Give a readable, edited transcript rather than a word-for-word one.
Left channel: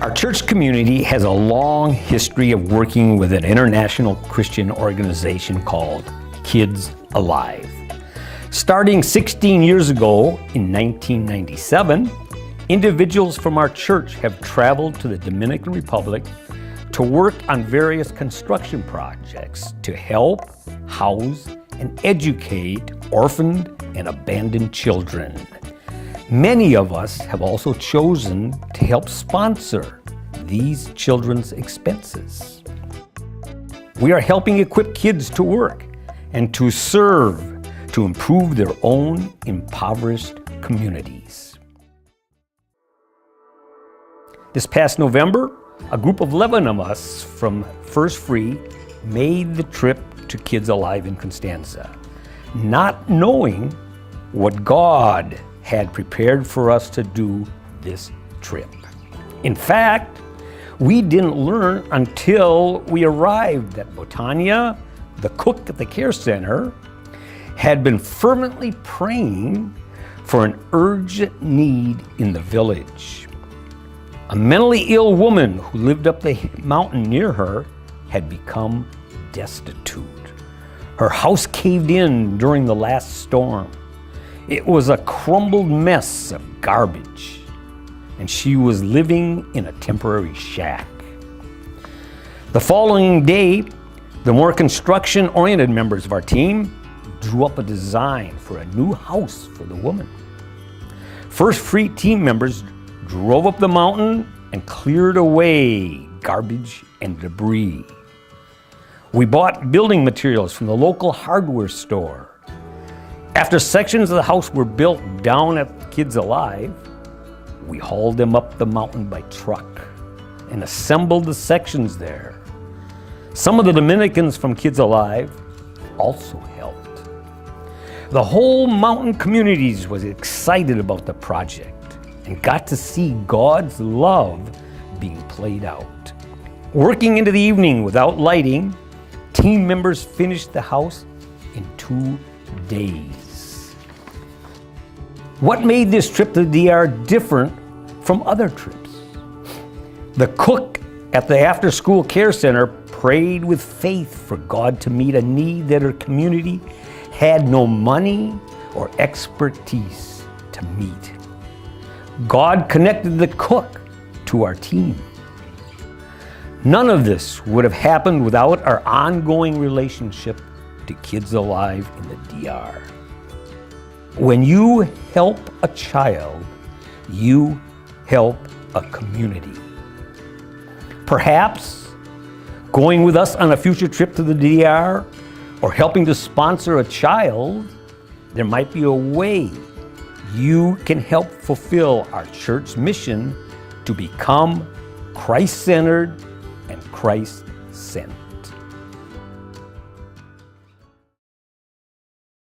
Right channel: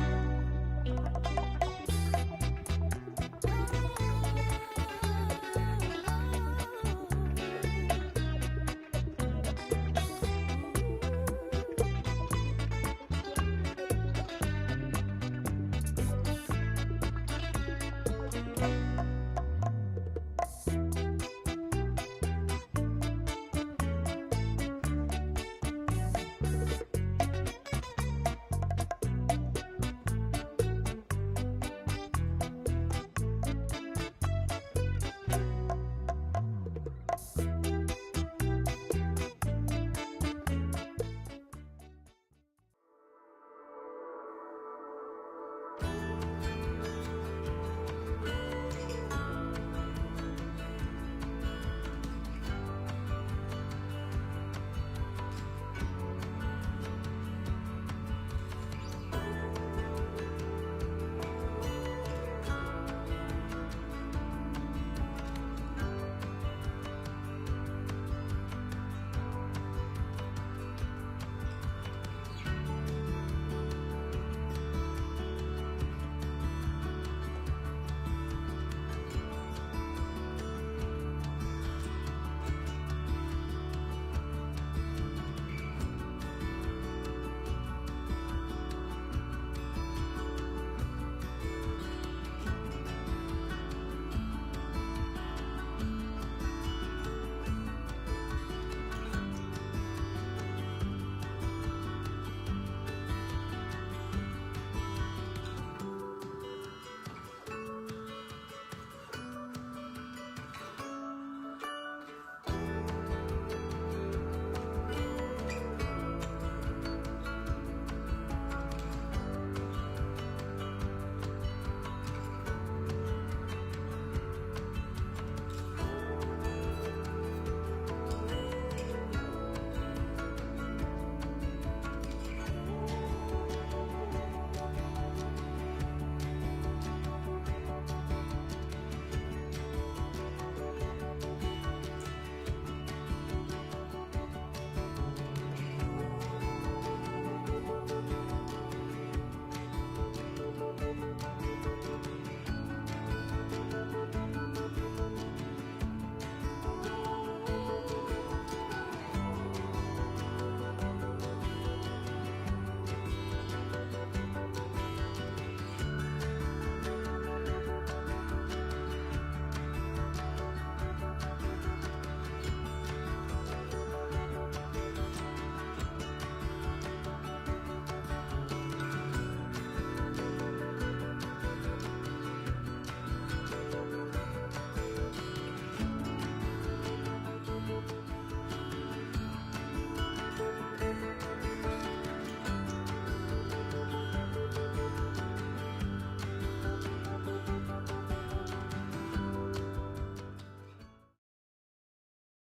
Our church community has a long history of working with an international Christian organization called Kids Alive. Starting 16 years ago in 1997, individuals from our church have traveled to the Dominican Republic to work on various construction projects to help, house, and educate orphaned and abandoned children. Many of us have also chosen to help sponsor these children's expenses. We are helping equip kids to work and to serve to improve their own impoverished communities. This past November, a group of 11 of us from First Free made the trip to Kids Alive in Constanza, not knowing what God had prepared for us to do this trip. In fact, we didn't learn until we arrived that Botania, the cook at the care center, had been fervently praying for an urgent need in the village. A mentally ill woman who lived up the mountain near her had become destitute. Her house caved in during the last storm. It was a crumbled mess of garbage, and she was living in a temporary shack. The following day, the more construction-oriented members of our team drew up a design for a new house for the woman. First Free team members drove up the mountain and cleared away garbage and debris. We bought building materials from the local hardware store. After sections of the house were built down at Kids Alive, we hauled them up the mountain by truck and assembled the sections there. Some of the Dominicans from Kids Alive also helped. The whole mountain communities was excited about the project and got to see God's love being played out. Working into the evening without lighting, team members finished the house in 2 days. What made this trip to the DR different from other trips? The cook at the after-school care center prayed with faith for God to meet a need that her community had no money or expertise to meet. God connected the cook to our team. None of this would have happened without our ongoing relationship to Kids Alive in the DR. When you help a child, you help a community. Perhaps going with us on a future trip to the DR or helping to sponsor a child, there might be a way you can help fulfill our church mission to become Christ-centered and Christ-sent.